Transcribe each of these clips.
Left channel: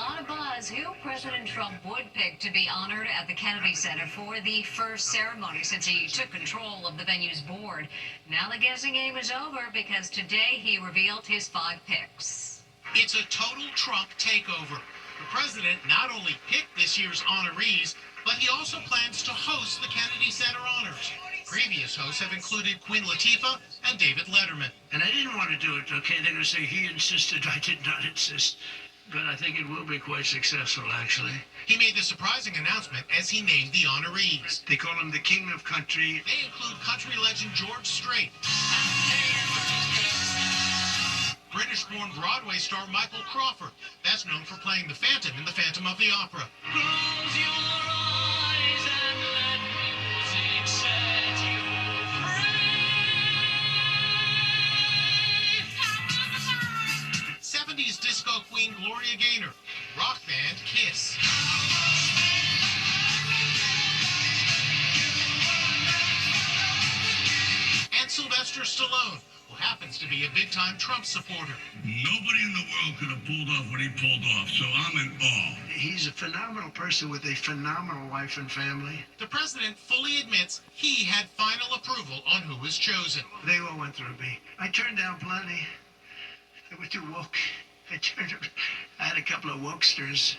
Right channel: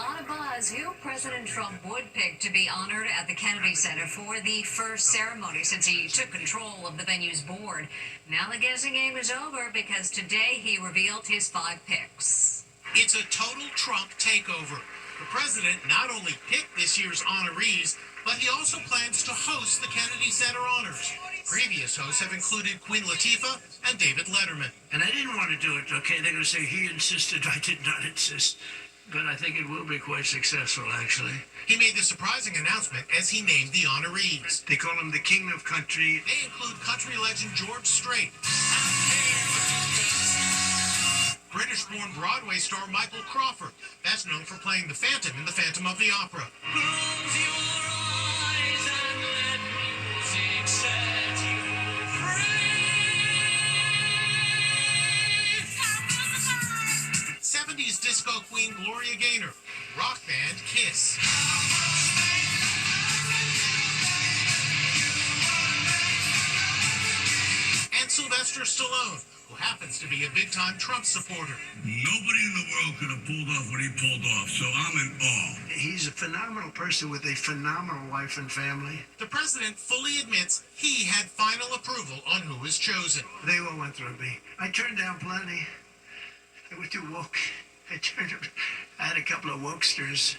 lot of buzz who President Trump would pick to be honored at the Kennedy Center for the first ceremony since he took control of the venue's board. Now the guessing game is over because today he revealed his 5 picks. It's a total Trump takeover. The president not only picked this year's honorees, but he also plans to host the Kennedy Center honors. Previous hosts have included Queen Latifah and David Letterman. And I didn't want to do it, okay? They're going to say he insisted, I did not insist. But I think it will be quite successful, actually. He made the surprising announcement as he named the honorees. They call him the King of Country. They include country legend George Strait, British-born Broadway star Michael Crawford, best known for playing the Phantom in The Phantom of the Opera. Close your eyes and let music set you free. 70s disco queen Gloria Gaynor, rock band Kiss. And Sylvester Stallone, who happens to be a big-time Trump supporter. Nobody in the world could have pulled off what he pulled off, so I'm in awe. He's a phenomenal person with a phenomenal wife and family. The president fully admits he had final approval on who was chosen. They all went through me. I turned down plenty. They were too woke. I had a couple of wokesters.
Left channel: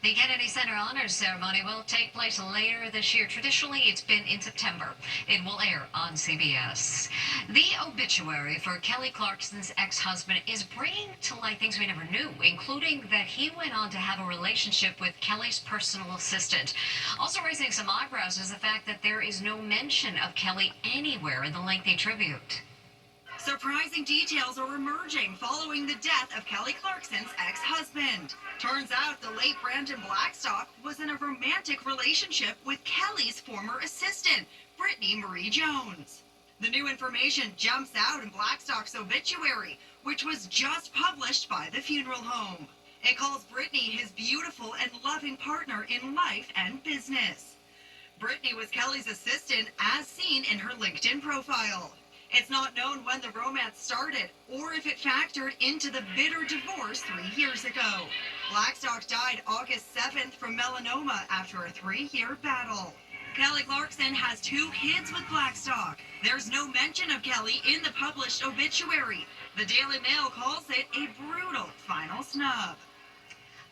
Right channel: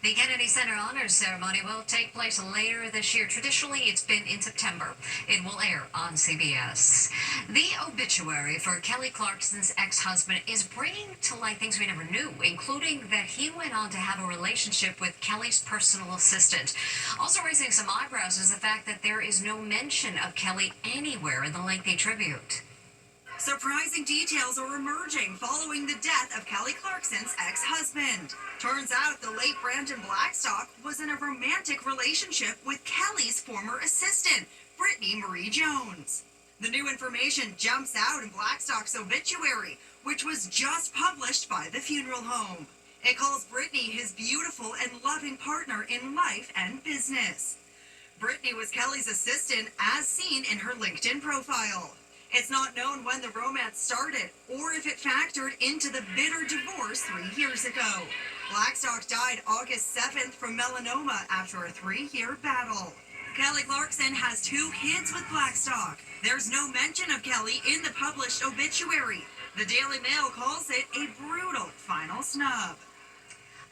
The Kennedy Center Honors Ceremony will take place later this year. Traditionally, it's been in September. It will air on CBS. The obituary for Kelly Clarkson's ex-husband is bringing to light things we never knew, including that he went on to have a relationship with Kelly's personal assistant. Also raising some eyebrows is the fact that there is no mention of Kelly anywhere in the lengthy tribute. Surprising details are emerging following the death of Kelly Clarkson's ex-husband. Turns out the late Brandon Blackstock was in a romantic relationship with Kelly's former assistant, Brittany Marie Jones. The new information jumps out in Blackstock's obituary, which was just published by the funeral home. It calls Brittany his beautiful and loving partner in life and business. Brittany was Kelly's assistant as seen in her LinkedIn profile. It's not known when the romance started or if it factored into the bitter divorce 3 years ago. Blackstock died August 7th from melanoma after a 3-year battle. Kelly Clarkson has 2 kids with Blackstock. There's no mention of Kelly in the published obituary. The Daily Mail calls it a brutal final snub.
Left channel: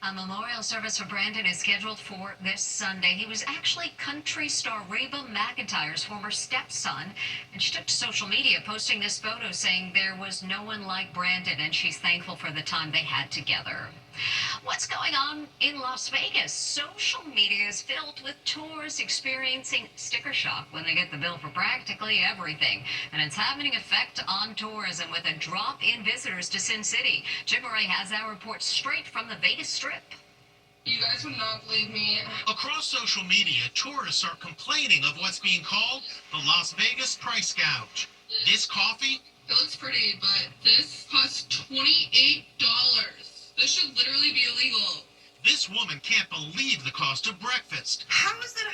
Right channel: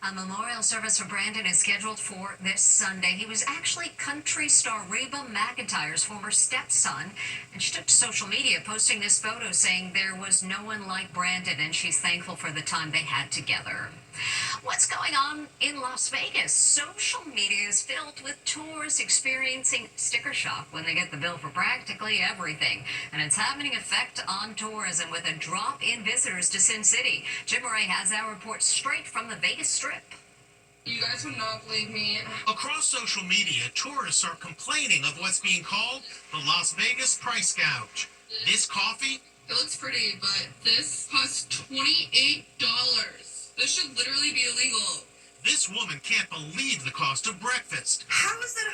A memorial service for Brandon is scheduled for this Sunday. He was actually country star Reba McEntire's former stepson, and she took to social media posting this photo saying there was no one like Brandon, and she's thankful for the time they had together. What's going on in Las Vegas? Social media is filled with tourists experiencing sticker shock when they get the bill for practically everything. And it's having an effect on tourism with a drop in visitors to Sin City. Jim Murray has our report straight from the Vegas Strip. You guys would not believe me. Across social media, tourists are complaining of what's being called the Las Vegas price gouge. This coffee? It looks pretty, but this costs $28. This should literally be illegal. This woman can't believe the cost of breakfast. How is that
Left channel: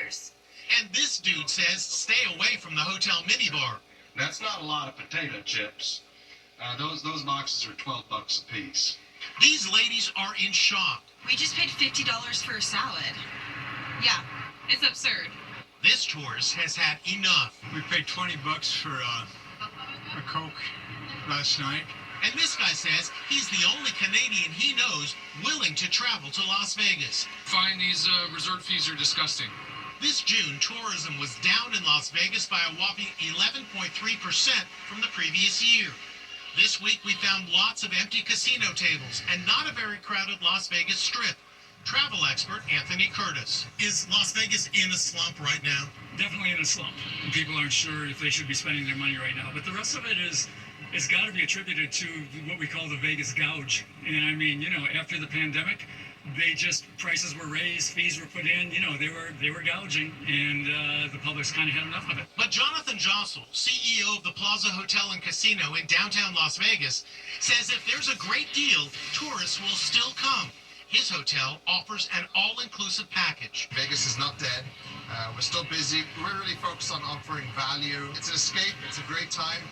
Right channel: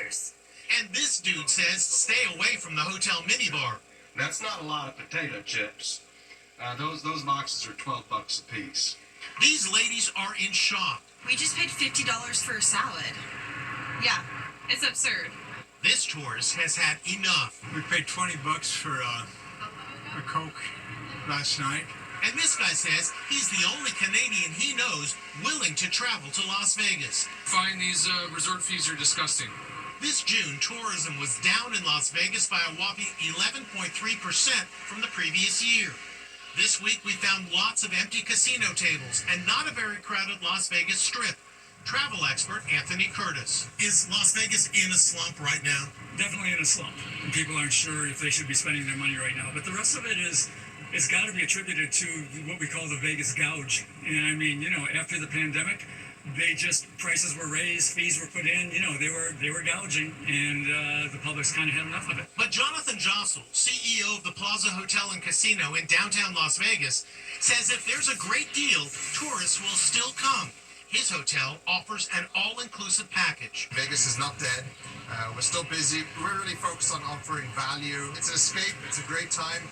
$100? And this dude says stay away from the hotel minibar. That's not a lot of potato chips. Those boxes are $12 a piece. These ladies are in shock. We just paid $50 for a salad. Yeah, it's absurd. This tourist has had enough. We paid $20 for a Coke last night. And this guy says he's the only Canadian he knows willing to travel to Las Vegas. Find these resort fees are disgusting. This June, tourism was down in Las Vegas by a whopping 11.3% from the previous year. This week, we found lots of empty casino tables and not a very crowded Las Vegas Strip. Travel expert Anthony Curtis. Is Las Vegas in a slump right now? Definitely in a slump. People aren't sure if they should be spending their money right now. But the rest of it it's got to be attributed to what we call the Vegas gouge. And I mean, after the pandemic, prices were raised, fees were put in, they were gouging, and the public's kind of had enough of it. But Jonathan Jossel, CEO of the Plaza Hotel and Casino in downtown Las Vegas, says if there's a great deal, tourists will still come. His hotel offers an all-inclusive package. Vegas is not dead. We're still busy. We're really focused on offering value. It's an escape. It's a great time.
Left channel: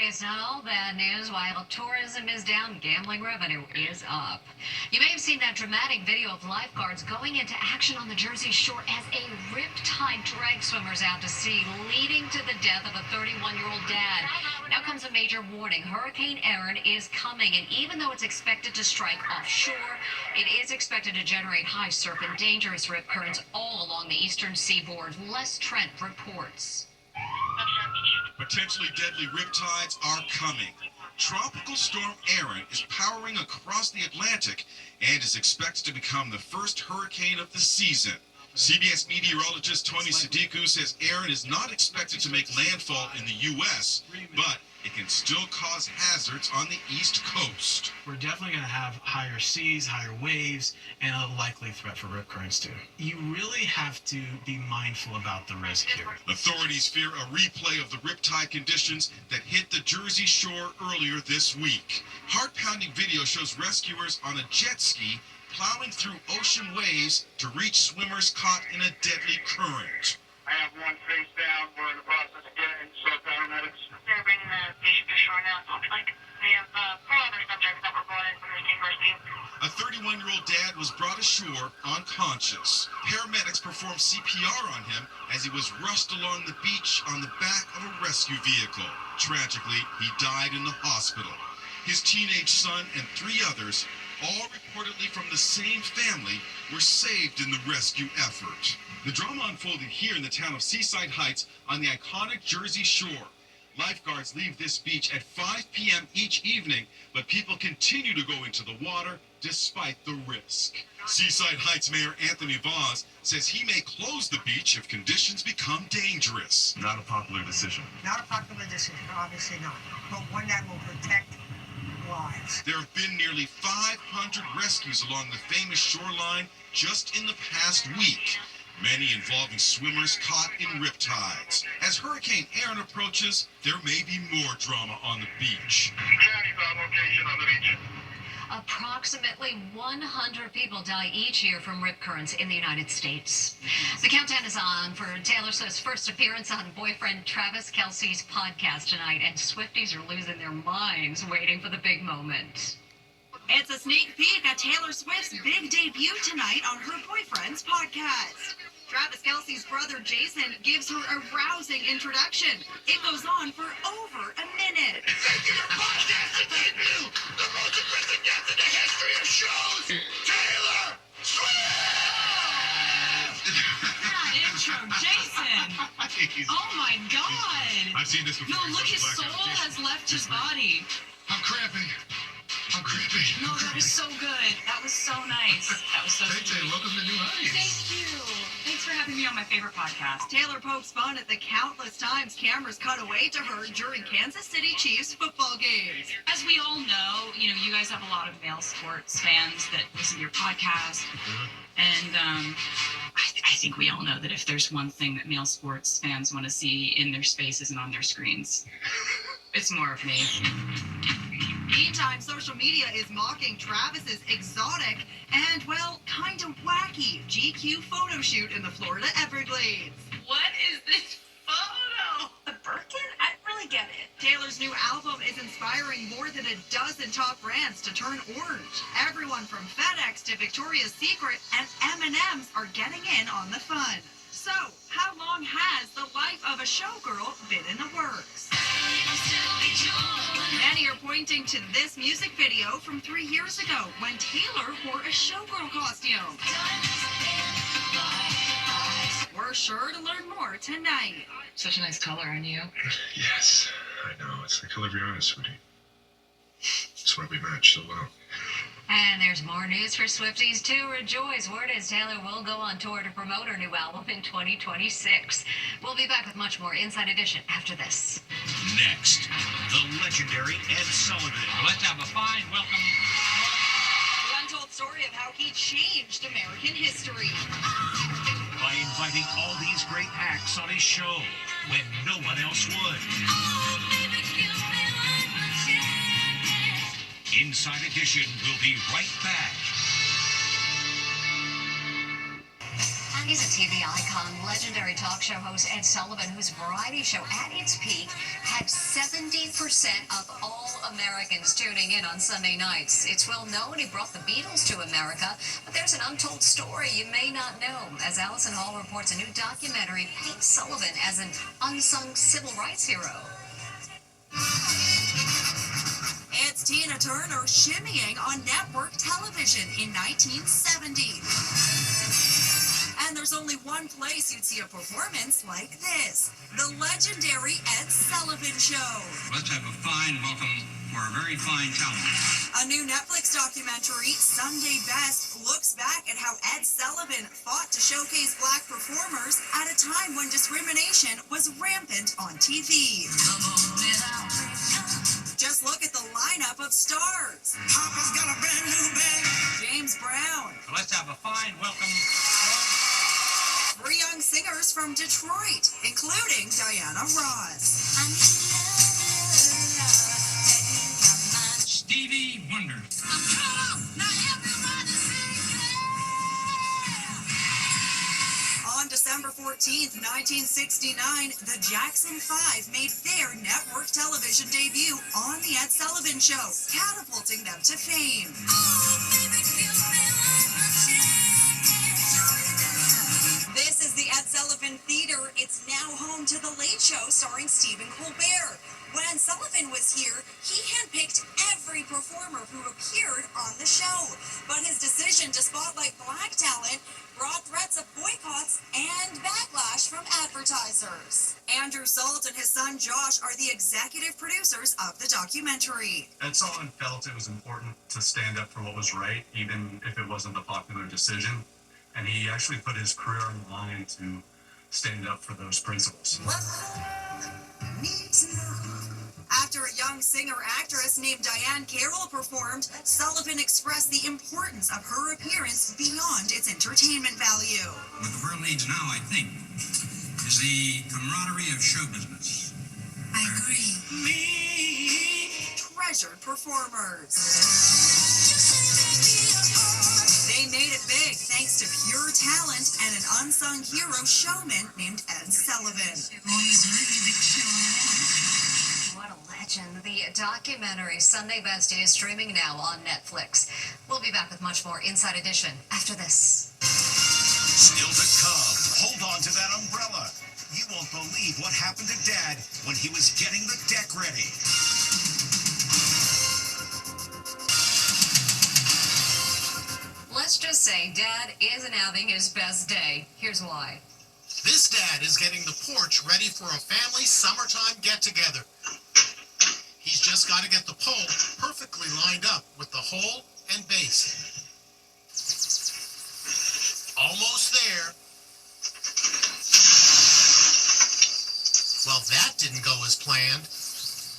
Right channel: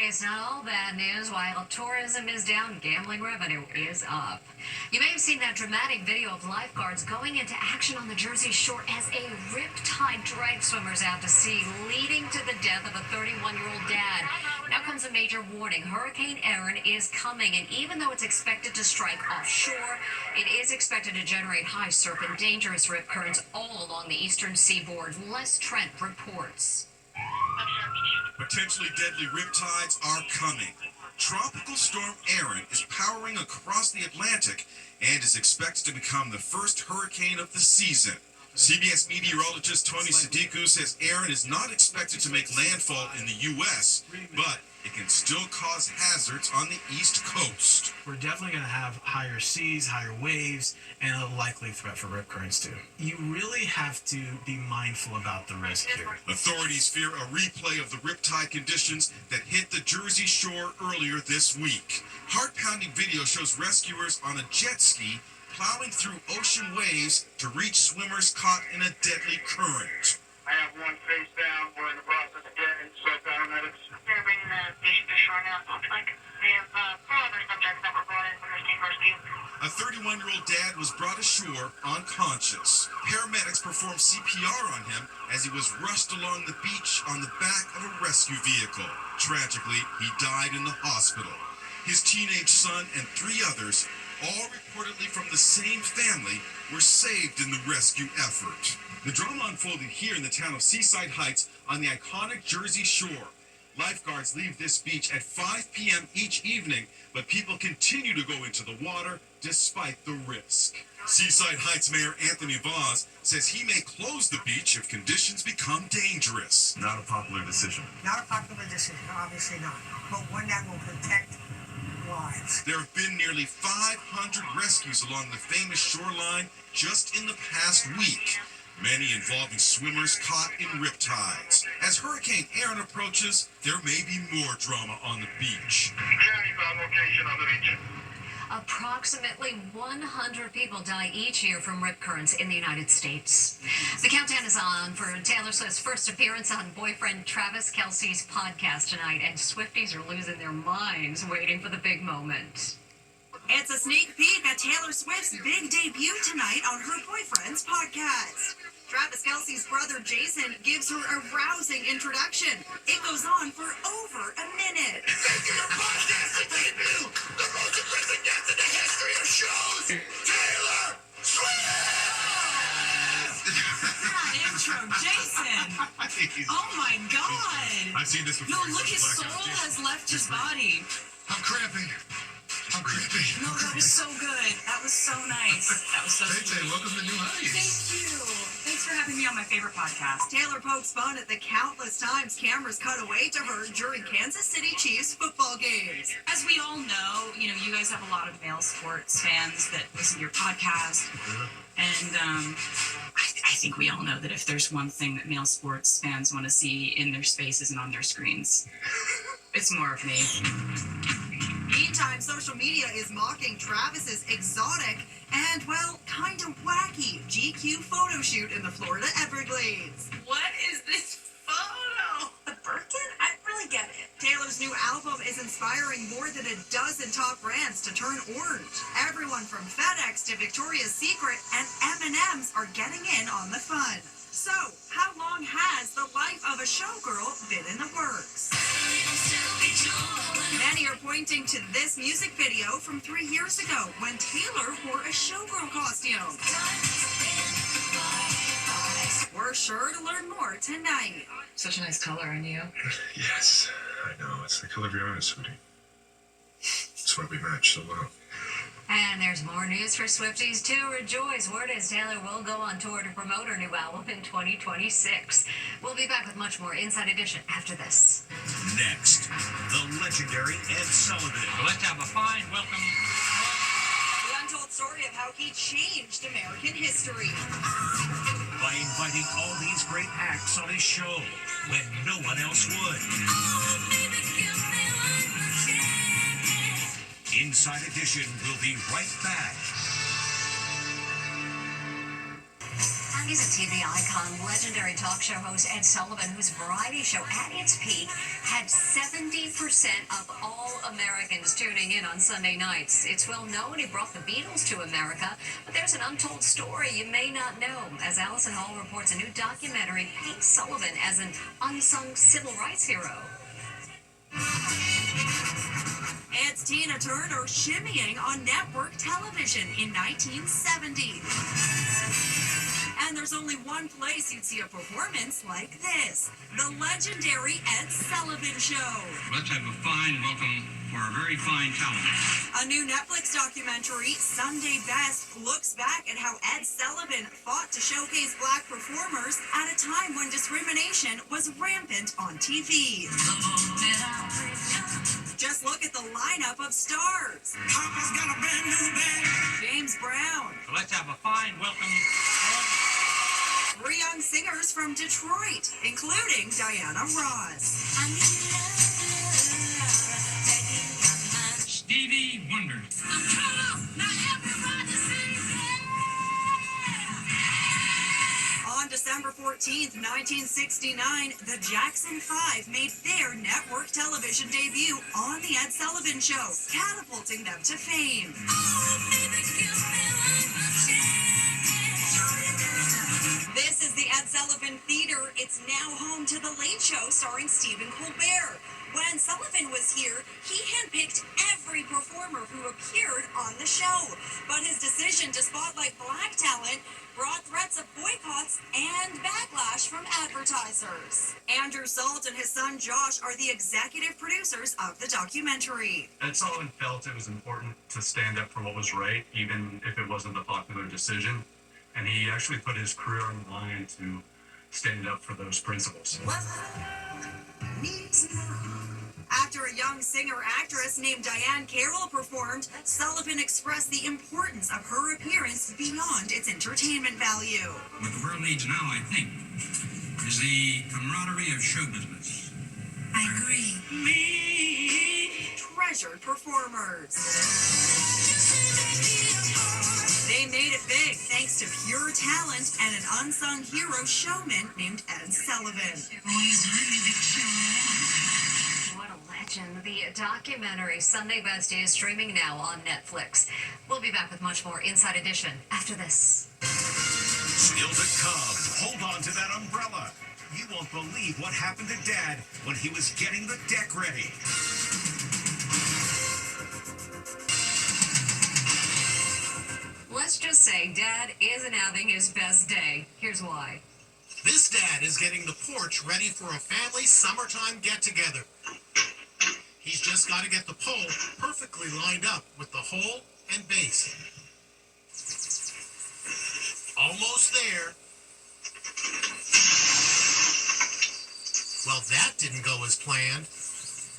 It's not all bad news. While tourism is down, gambling revenue is up. You may have seen that dramatic video of lifeguards going into action on the Jersey Shore as a riptide dragged swimmers out to sea, leading to the death of a 31-year-old dad. Now comes a major warning. Hurricane Erin is coming, and even though it's expected to strike offshore, it is expected to generate high surf and dangerous rip currents all along the eastern seaboard. Les Trent reports. Potentially deadly riptides are coming. Tropical storm Erin is powering across the Atlantic and is expected to become the first hurricane of the season. CBS meteorologist Tony Sadiku says Erin is not expected to make landfall in the U.S., but it can still cause hazards on the East Coast. We're definitely going to have higher seas, higher waves, and a likely threat for rip currents too. You really have to be mindful about the risk here. Authorities fear a replay of the riptide conditions that hit the Jersey Shore earlier this week. Heart-pounding video shows rescuers on a jet ski plowing through ocean waves to reach swimmers caught in a deadly current. I have one face down. We're in the process of getting so paramedics. They're bringing the patient to shore now. Like, we have 4 other subjects that were brought in from Rescue Rescue. A 31-year-old dad was brought ashore unconscious. Paramedics performed CPR on him as he was rushed along the beach on the back of a rescue vehicle. Tragically, he died in the hospital. His teenage son and 3 others, all reportedly from the same family, were saved in the rescue effort. The drama unfolded here in the town of Seaside Heights on the iconic Jersey Shore. Lifeguards leave this beach at 5 p.m. each evening, but people continue to go into the water despite the risk. Seaside Heights Mayor Anthony Voss says he may close the beach if conditions become dangerous. Not a popular decision. Not a popular decision, obviously not, but one that will protect lives. There have been nearly 500 rescues along the famous shoreline just in the past week, many involving swimmers caught in riptides. As Hurricane Erin approaches, there may be more drama on the beach. Location on the beach. Approximately 100 people die each year from rip currents in the United States. The countdown is on for Taylor Swift's first appearance on boyfriend Travis Kelce's podcast tonight, and Swifties are losing their minds waiting for the big moment. It's a sneak peek at Taylor Swift's big debut tonight on her boyfriend's podcast. Travis Kelce's brother Jason gives her a rousing introduction. It goes on for over a minute. Thank you for podcasting debut, the most impressive guest in the history of shows, Taylor Swift! That intro, Jason! Oh my God! I've seen this before. No, look, his soul has left his body. I'm cramping. I'm cramping. No, that was so good. That was so nice. That was so Hey, sweet. welcome to New Heights. Thank you. Thanks for having me on my favorite podcast. Taylor pokes fun at the countless times cameras cut away to her during Kansas City Chiefs football games. As we all know, you guys have a lot of male sports fans that listen to your podcast. And I think we all know that if there's one thing that male sports fans want to see in their spaces and on their screens, it's more of me. Meantime, social media is mocking Travis's exotic and, well, kind of wacky GQ photo shoot in the Florida Everglades. What is this photo? The Birkin? I don't really get it. Taylor's new album is inspiring more than a dozen top brands to turn orange. Everyone from FedEx to Victoria's Secret and M&M's are getting in on the fun. So, how long has the life of a showgirl been in the works? Many are pointing to this music video from 3 years ago when Taylor wore a showgirl costume. We're sure to learn more tonight. Such a nice color on you. Yes, I know. It's the color of your eyes, sweetie. That's why we match so well. And there's more news for Swifties to rejoice. Word is Taylor will go on tour to promote her new album in 2026. We'll be back with much more Inside Edition after this. Next, the legendary Ed Sullivan. Let's have a fine welcome. The untold story of how he changed American history. By inviting all these great acts on his show when no one else would. Inside Edition will be right back. And He's a TV icon, legendary talk show host Ed Sullivan, whose variety show at its peak had 70% of all Americans tuning in on Sunday nights. It's well known he brought the Beatles to America, but there's an untold story you may not know. As Allison Hall reports, a new documentary paints Sullivan as an unsung civil rights hero. It's Tina Turner shimmying on network television in 1970. And there's only one place you'd see a performance like this, the legendary Ed Sullivan Show. Let's have a fine welcome for a very fine talent. A new Netflix documentary, Sunday Best, looks back at how Ed Sullivan fought to showcase black performers at a time when discrimination was rampant on TV. Just look at the lineup of stars. Papa's got a brand new bag. James Brown. So let's have a fine welcome. 3 young singers from Detroit, including Diana Ross. Stevie Wonder. On December 14th, 1969, the Jackson 5 made their network television debut on The Ed Sullivan Show, catapulting them to fame. This is the Ed Sullivan Theater. It's now home to The Late Show starring Stephen Colbert. When Sullivan was here, he handpicked every performer who appeared on the show. But his decision to spotlight black talent brought threats of boycotts and backlash from advertisers. Andrew Salt and his son Josh are the executive producers of the documentary. Ed Sullivan felt it was important to stand up for what was right, even if it wasn't the popular decision. And he actually put his career on the line to stand up for those principles. After a young singer-actress named Diane Carroll performed, Sullivan expressed the importance of her appearance beyond its entertainment value. What the world needs now, I think, is the camaraderie of show business. I agree. Treasured performers. They made it big thanks to pure talent and an unsung hero showman named Ed Sullivan. What a legend. The documentary Sunday Best is streaming now on Netflix. We'll be back with much more Inside Edition after this. Still to come. Hold on to that umbrella. You won't believe what happened to Dad when he was getting the deck ready. Let's just say Dad isn't having his best day. Here's why. This dad is getting the porch ready for a family summertime get-together. He's just got to get the pole perfectly lined up with the hole and base. Almost there. Well, that didn't go as planned.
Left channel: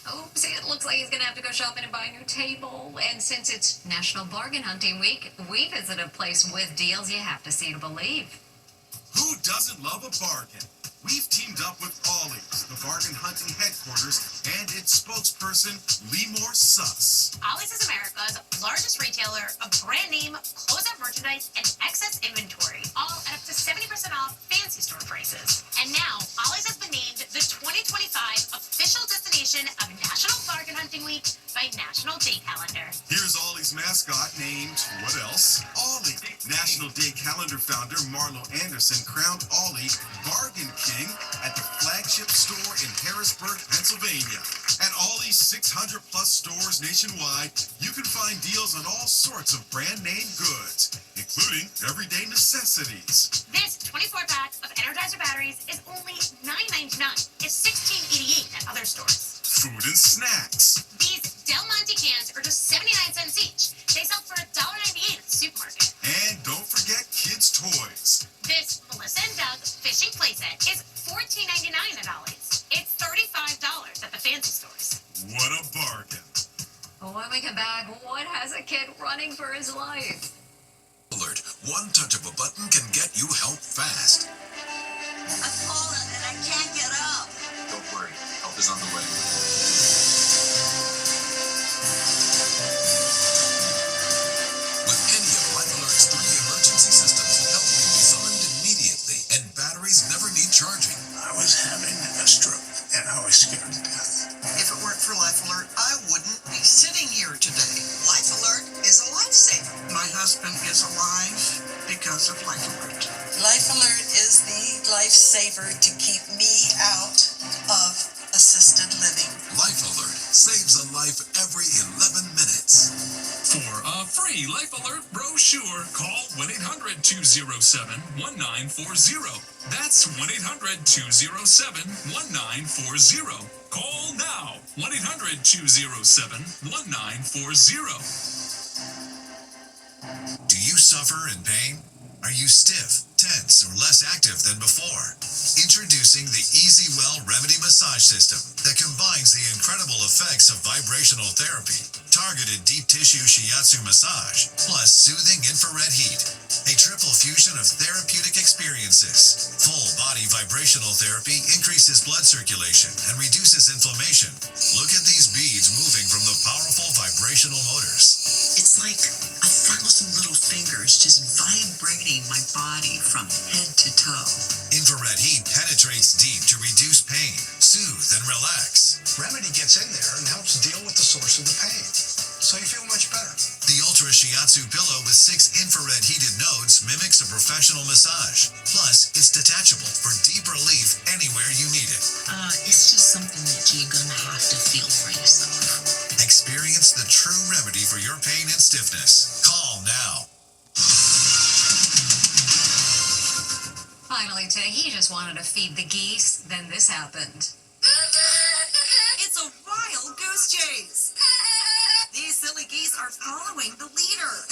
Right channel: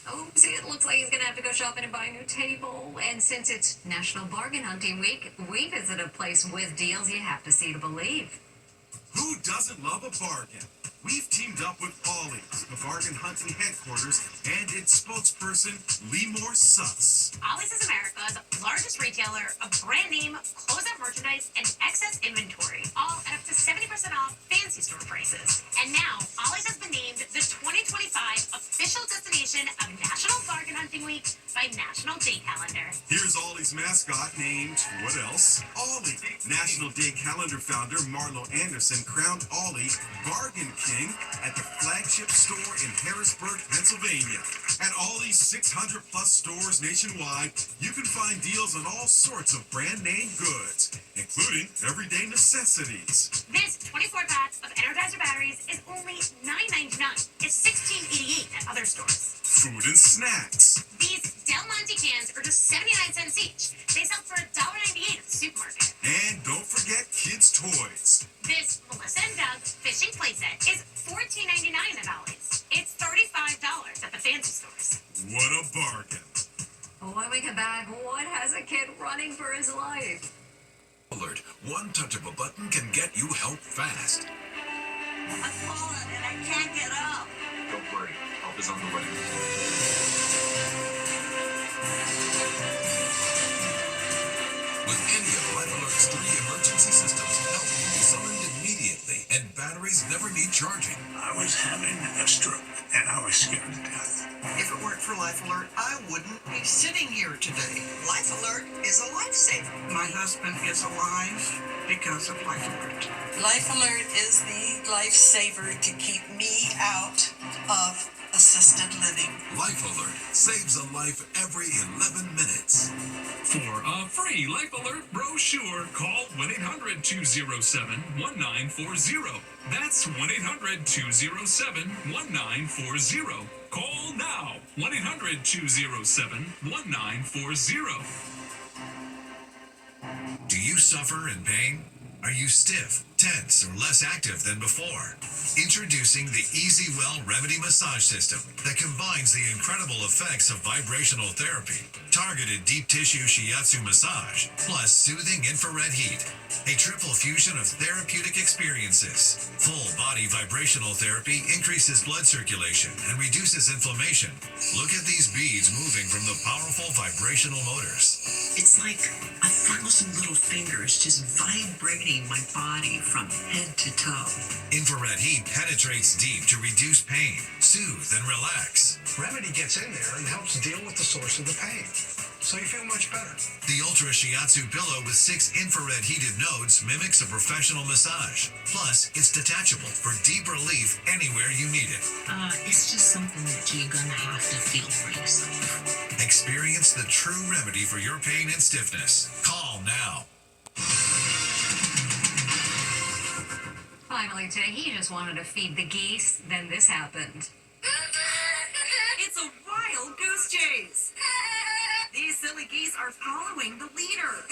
Oopsie, it looks like he's going to have to go shopping and buy a new table. And since it's National Bargain Hunting Week, we visit a place with deals you have to see to believe. Who doesn't love a bargain? We've teamed up with Ollie's, the bargain hunting headquarters, and its spokesperson, Lemore Suss. Ollie's is America's largest retailer of brand name, closeout merchandise, and excess inventory, all at up to 70% off fancy store prices. And now, Ollie's has been named the 2025 official destination of National Bargain Hunting Week by National Day Calendar. Here's Ollie's mascot named, what else? Ollie. National Day Calendar founder Marlo Anderson crowned Ollie Bargain King at the flagship store in Harrisburg, Pennsylvania. At Ollie's 600 plus stores nationwide, you can find deals on all sorts of brand name goods, including everyday necessities. This 24-pack of Energizer batteries is only $9.99. It's $16.88 at other stores. Food and snacks. These Del Monte cans are just 79 cents each. They sell for $1.98 at the supermarket. And don't forget kids' toys. This Melissa and Doug fishing playset is $14.99 at Ollie's. It's $35 at the fancy stores. What a bargain. When we come back, what has a kid running for his life? Alert. One touch of a button can get you help fast. I've fallen and I can't get up. Don't worry. Help is on the way. With Enya Life Alert's 3 emergency systems, help can be summoned immediately. is alive because of Life Alert. Life Alert is the lifesaver to keep me out of assisted living. Life Alert saves a life every 11 minutes. For a free Life Alert brochure, call 1-800-207-1940. That's 1-800-207-1940. Call now. 1-800-207-1940. Do you suffer in pain? Are you stiff, tense, or less active than before? Introducing the Easy Well Remedy Massage System that combines the incredible effects of vibrational therapy, targeted deep tissue shiatsu massage, plus soothing infrared heat. A triple fusion of therapeutic experiences. Full body vibrational therapy increases blood circulation and reduces inflammation. Look at these beads moving from the powerful vibrational motors. It's like 1,000 little fingers just vibrating my body from head to toe. Infrared heat penetrates deep to reduce pain, soothe, and relax. Remedy gets in there and helps deal with the source of the pain, so you feel much better. The Ultra Shiatsu pillow with 6 infrared heated nodes mimics a professional massage. Plus, it's detachable for deep relief anywhere you need it. It's just something that you're gonna have to feel for yourself. Experience the true remedy for your pain and stiffness. Call now. Finally today, he just wanted to feed the geese. Then this happened. It's a wild goose chase. These silly geese are following the leader.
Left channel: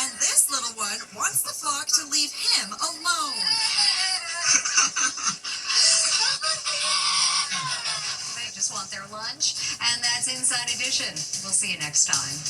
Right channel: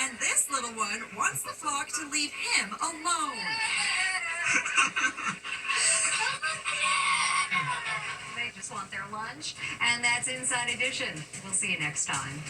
And this little one wants the flock to leave him alone. They just want their lunch. And that's Inside Edition. We'll see you next time.